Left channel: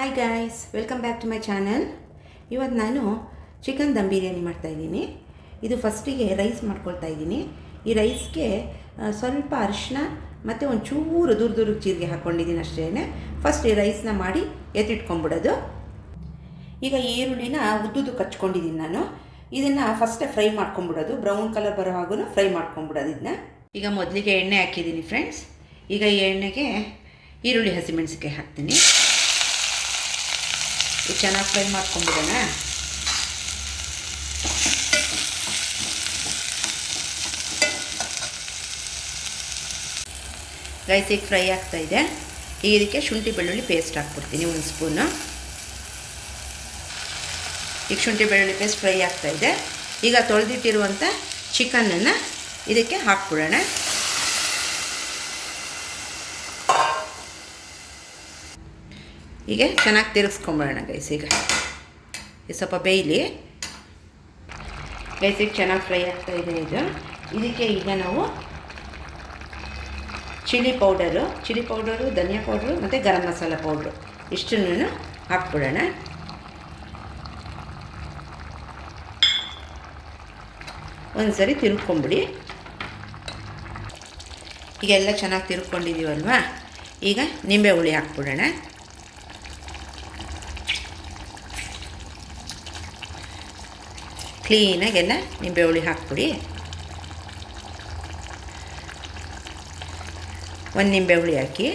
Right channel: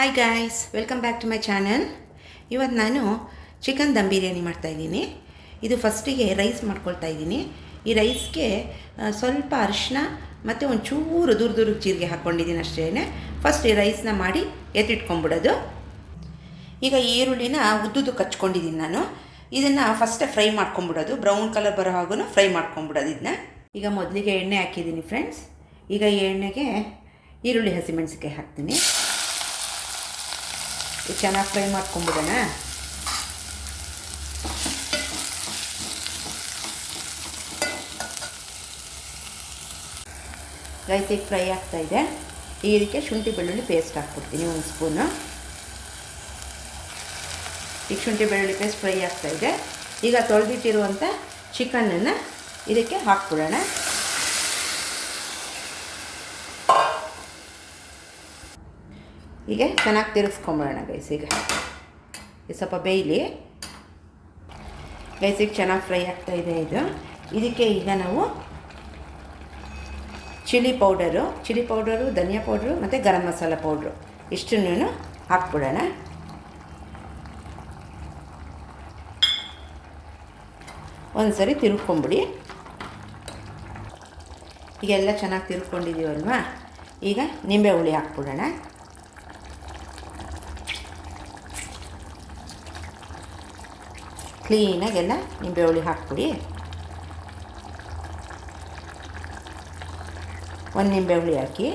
Hi guys, welcome back to my channel. ಇವತ್ತು ನಾನು chicken dum biryani ಮಾಡ್ತಾಯಿದ್ದೀನಿ. ಇದು ಫಸ್ಟಿಗೆ ರೈಸ್ ಮಾಡ್ಕೊಳ್ತಾ ಇದ್ದೀನಿ. ಈ ರೈಸ್ಗೆ ಸ್ವಲ್ಪ ಅರಿಶಿನ ಮತ್ತು ಒಂಚೂರು ದೂರ ಜೀರಿಗೆ ಹಾಕ್ಕೊಂಡಿದ್ದೀನಿ ಅಷ್ಟೇ. ಫಸ್ಟ್ ಈ ರೈಸ್ನ ಮಾಡಿ ಎತ್ತಿಟ್ಕೊಂಡ್ಬಿಡೋದು. ಈಗ ಈರುಳ್ಳಿನ ಉದ್ದುದು ಕಚ್ಕೊಂಡಿದ್ದೀನಿ ನಾನು. ಇದನ್ನು ಫಸ್ಟೇ ಫ್ರೈ ಮಾಡ್ಕೊಂಬಿಡೋದು, ಬ್ರೌನ್ ಕಲರ್ ಬರೋ ಹಾಗೂ ಫ್ರೈ ಮಾಡ್ಕೊಂಬಿಡೋದು ಇದನ್ನ. ಈಗ ಮೊದಲಿಗೆ ಎಣ್ಣೆ ಹಾಕಿದ್ದೀನಿ ಫ್ರೆಂಡ್ಸ್. ಈಗ ಈ ಎಣ್ಣೆಗೆ ಈರುಳ್ಳಿ ಹಸಿಮೆಣಸಿಕಾಯಿ ಹಾಕ್ತೀನಿ. ಚೆನ್ನಾಗಿ ಫ್ರೈ ಮಾಡ್ಕೊಂಬಿಡೋಣ. ರೈಸ್ ಈಗ ಫ್ರೈ ಆಗ್ತಾಯಿದೆ. ಈಗ ಇದಕ್ಕೆ ಶುಂಠಿ ಬೆಳ್ಳುಳ್ಳಿ ಪೇಸ್ಟ್ ಹಾಕ್ಬಿಡ್ತೀನಿ, ಒಂದು ಸ್ಪೂನು. ಈಗ ಶುಂಠಿ ಬೆಳ್ಳುಳ್ಳಿ ಪೇಸ್ಟ್ ಫ್ರೈ ಆಗ್ತಾಯಿದೆ. ಈಗ ತೊಳೆದಿಟ್ಟಿರುವಂಥ ಚಿಕನನ್ನು ಇದಕ್ಕೆ ಹಾಕ್ಬಿಡೋಣ. ಹೀಗೆ ಚೆನ್ನಾಗಿ ತಿರುಗಿಸ್ಕೊಂಬಿಡೋಣ ಗೈಸ್. ಈಗ ಸ್ವಲ್ಪ ಬೇಯಲಿ ಗೈಸ್. ಈಗ ಚೆನ್ನಾಗಿ ಫ್ರೈ ಆಗ್ತಾಯಿದೆ ಇದು. ಇದಕ್ಕೆ ಈಗ ನಾವು ಚಿಲ್ಲಿ ಪೌಡರು, ಧನಿಯಾ ಪೌಡ್ರು ಮತ್ತು ಗರಂ ಮಸಾಲ ಪೌಡ್ರು ಇಷ್ಟನ್ನು ಹಾಕ್ಬಿಡೋಣ. ಒಂದು ಸರಿ ತಿರುಗ್ಕೊಂಬಿಡಿ. ಈಗೆಲ್ಲ ಚೆನ್ನಾಗಿ ತಿರುಗ್ಕೊಂಡಿದ್ದೀವಲ್ವ, ಈಗ ನಿಂಬೆ ಹುಳಿ ಹಾಕ್ಬಿಡೋಣ. ಕ್ಲೀನಾಗೆಲ್ಲ ನಿಂಬೆ ಹುಳಿ ಹಾಕ್ಬಿಡಿ. ಒಂದು ನಿಂಬೆ ಹುಳಿ ಹಾಕಿ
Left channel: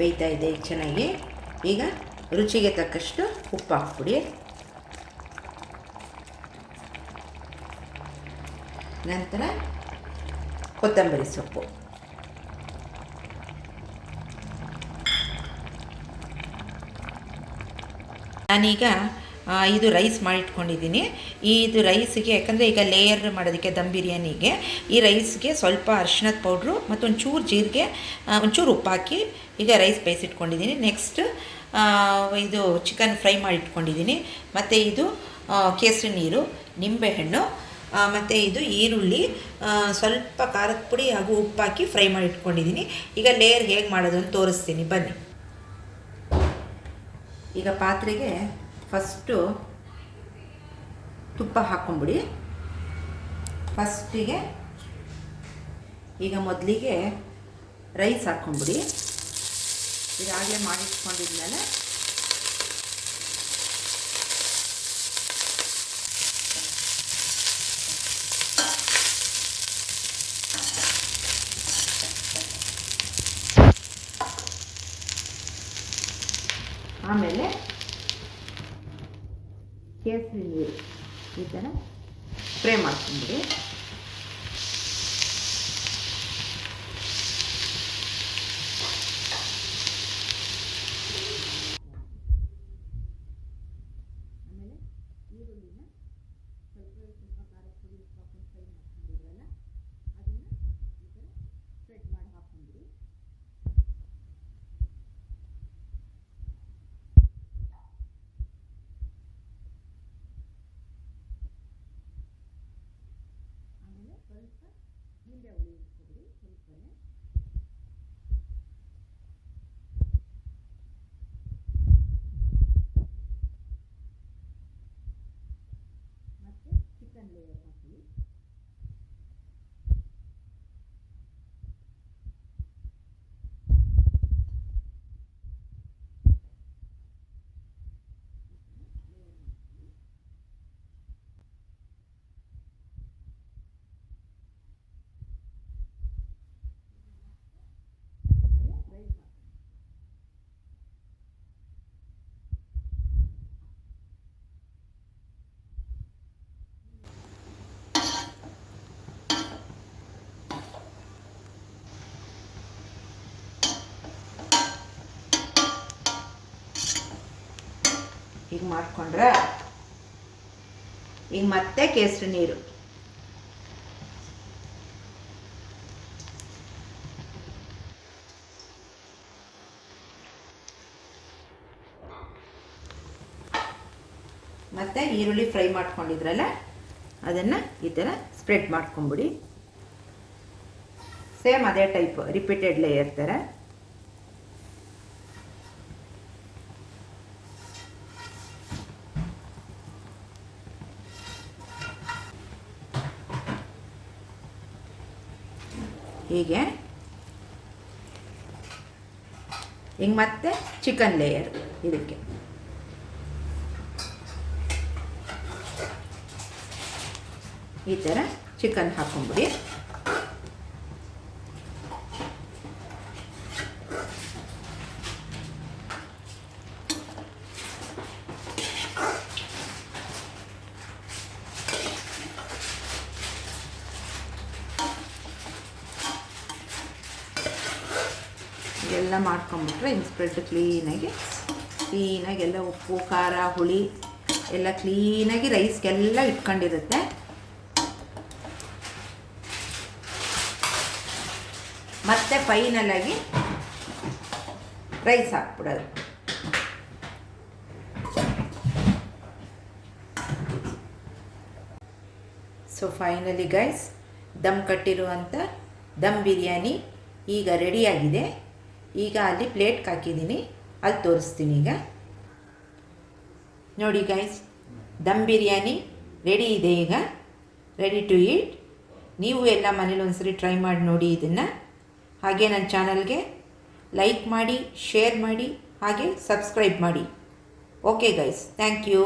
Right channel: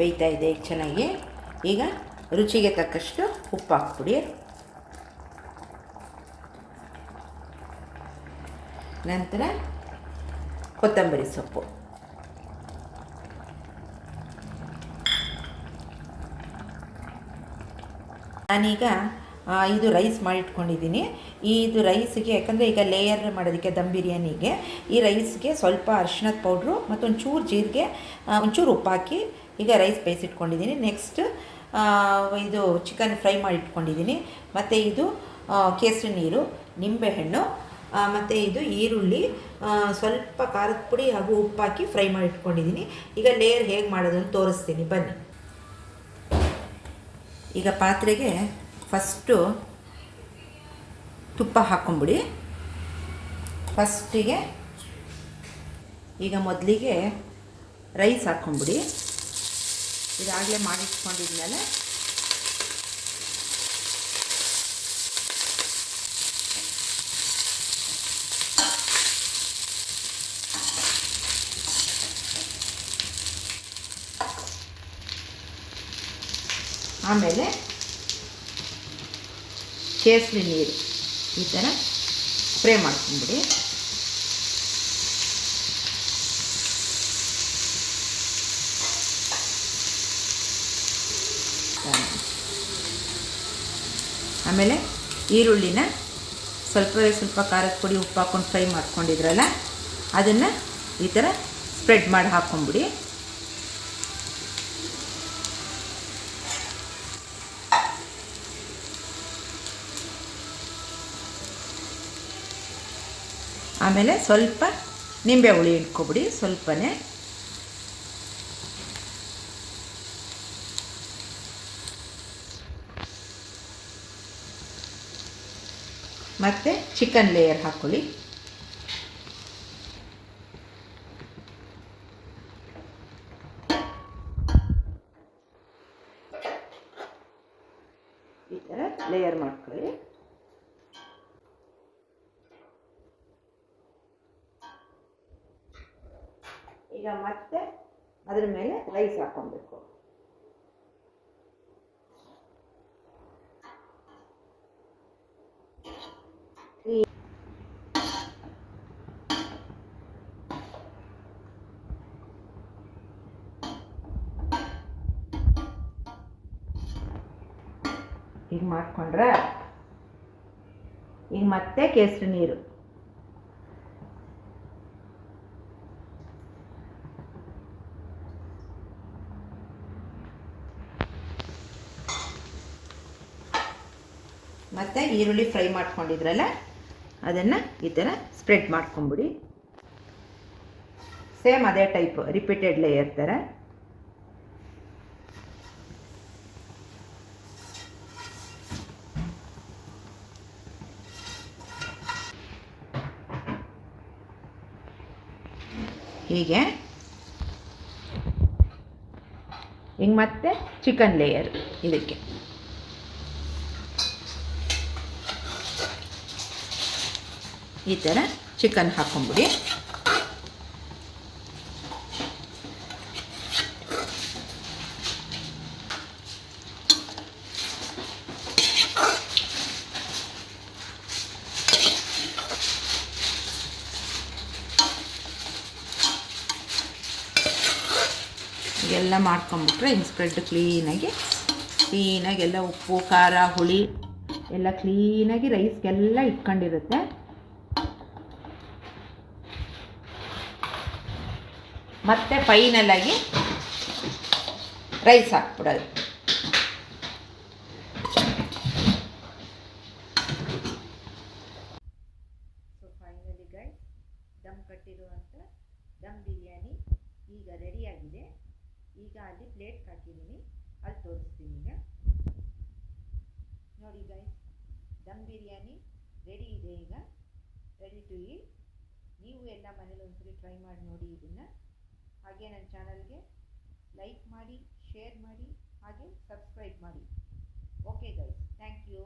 ಬೇಯ್ತಾ ಇದೆ ಈಗ ಚೆನ್ನಾಗಿ. ಈಗ ರುಚಿಗೆ ತಕ್ಕಷ್ಟು ಉಪ್ಪು ಹಾಕ್ಬಿಡಿ. ನಂತರ ಕೊತ್ತಂಬರಿ ಸೊಪ್ಪು. ನಾನೀಗ ಇದು ರೈಸ್ ಮಾಡಿಟ್ಕೊಂಡಿದ್ದೀನಿ. ಇದು ರೈಸಿಗೆ, ಯಾಕಂದರೆ ಈಗ ಲೇಯರ್ ಮಾಡೋದಕ್ಕೆ ದಮ್ ಬಿರಿಯಾನಿಗೆ ಈ ರೈಸ್ಗೆ ಸ್ವಲ್ಪ ಅರಿಶಿಣದ ಪೌಡ್ರು ಮತ್ತು ಒಂಚೂರು ಜೀರಿಗೆ, ಒಂಚೂರು ಉಪ್ಪು ಹಾಕಿ ಈಗ ರೈಸ್ ಬೇಯಿಸಿಟ್ಕೊಂಡಿದ್ದೀನಿ. ನೆಕ್ಸ್ಟ್ ಇದು ಚಿಕನ್ ಫ್ರೈ ಮಾಡಿಟ್ಕೊಂಡಿದ್ದೀನಿ. ಮತ್ತು ಇದು ಕೇಸರಿ ನೀರು, ನಿಂಬೆಹಣ್ಣು ಮತ್ತು ಇದು ಈರುಳ್ಳಿ, ಸ್ವಲ್ಪ ಖಾರದ ಪುಡಿ ಹಾಗೂ ಉಪ್ಪು ಹಾಕಿ ಫ್ರೈ ಮಾಡಿಟ್ಕೊಂಡಿದ್ದೀನಿ. ಈಗ ಲೇಯರ್ ಹೇಗೆ ಮಾಡೋದು ಅಂತ ತೋರಿಸ್ತೀನಿ ಬನ್ನಿ. ಈಗ ಪಾತ್ರೆಗೆ ಫಸ್ಟು ತುಪ್ಪ ಹಾಕ್ಕೊಂಬಿಡಿ. ಫಸ್ಟಿಗೆ ಈಗ ಮೊದಲಿಗೆ ರೈಸ್ ಹಾಕ್ಕೊಂಬಿಡಿ. ಇದಾಗಲೇ ಮಾಡಿಟ್ಕೊಂಡಿದ್ಮೇಲೆ ಆಮೇಲೆ ಕೇಸರಿ ನೀರು ಈ ಥರ ಸ್ಪ್ರೇ ಮಾಡ್ಕೊಂಬಿಡಿ. ಆಮೇಲೆ ಈರುಳ್ಳಿನ ಸ್ವಲ್ಪ ಖಾರದ ಪುಡಿ ಉಪ್ಪು ಹಾಕ್ಕೊಂಡು ಫ್ರೈ ಮಾಡ್ಕೊಂಡಿದ್ರಲ್ಲ, ಅದನ್ನು ಈ ಥರ ಸ್ಪ್ರೆಡ್ ಮಾಡಿ ಹಾಕ್ಕೊಂಬಿಡಿ. ಆಮೇಲೆ ಸ್ವಲ್ಪ ನಿಂಬೆ ಹುಳಿ ಇಟ್ಕೊಬಿಡಿ, ಸ್ವಲ್ಪನೇ. ಮತ್ತು ಚಿಕನ್ ಲೇಯರ್ ಹಾಕ್ಕೊಳ್ಳಿ. ಈ ಥರ ಲೇಯರ್ ಮಾಡ್ಕೊಳ್ಳಿ. ಈಗ ಮತ್ತೆ ಅದರ ಮೇಲೆ ರೈಸ್ ಹಾಕ್ಕೊಬೇಕು. ಈಗ ಮಾಡ್ಕೊಂಡ್ರೆ ಈಗ ಮತ್ತೆ ಕೇಸರಿ ನೀರು, ಮತ್ತು ಈರುಳ್ಳಿ ಫ್ರೈ ಮಾಡ್ಕೊಂಡಿದ್ರಲ್ಲ ಅದನ್ನು ಈ ಥರ ಸ್ಪ್ರೆಡ್ ಮಾಡ್ಕೊಂಬಿಡಿ. ಸೇಮ್ ಅದೇ ಟೈಪ್ ರಿಪೀಟೆಡ್ ಲೇಯರ್ ಥರ. ಹೀಗೆ ಹಿಂಗೆ ಮತ್ತೆ ಚಿಕನ್ ಲೇಯರ್ ಇದಕ್ಕೆ ಈ ಥರ ಚಿಕನ್ ಹಾಕೊಂಬಿಡಿ. ಎಲ್ಲ ಮಾಡ್ಕೊಂಬಿಟ್ರೆ ಹಿಂಗೆ ಸ್ಪ್ರೆಡ್ ಕ್ಲೀನಾಗಿ ಎಲ್ಲ ಉಪ್ಪು ಖಾರ ಹುಳಿ ಎಲ್ಲ ಕ್ಲೀನಾಗಿ ರೈಸ್ಗೆಲ್ಲ ಇಟ್ಕೊಂಡಿರುತ್ತೆ. ಮತ್ತು ಫೈನಲಾಗಿ ರೈಸ್ ಹಾಕ್ಬಿಡೋದು. ಸೊ ಫೈನಲಿ ಗೈಸ್, ದಮ್ ಕಟ್ಟಿರುವಂಥ ದಮ್ ಬಿರಿಯಾನಿ ಈಗ ರೆಡಿಯಾಗಿದೆ. ಈಗ ಅಲ್ಲಿ ಪ್ಲೇಟ್ಗೆ ಹಾಕಿದ್ದೀನಿ, ಅಲ್ಲಿ ತೋರಿಸ್ತೀನಿ. ಈಗ ನೋಡಿ ಗೈಸ್, ದಮ್ ಬಿರಿಯಾನಿ ರೆಡಿ ಇದೆ. ಈಗ ರೆಡಿ ಟು ಈಟ್. ನೀವು ಎಲ್ಲ ಮನೇಲಿ ಒಂದ್ಸರಿ ಟ್ರೈ ಮಾಡಿ ನೋಡಿ ಇದನ್ನು. ಹಾಗೆ ನನ್ನ ಚಾನಲ್ಗೆ ಲೈಕ್ ಮಾಡಿ, ಶೇರ್ ಮಾಡಿ, ಹಾಗೆ ಸಬ್ಸ್ಕ್ರೈಬ್ ಮಾಡಿ. Okay guys, thank you.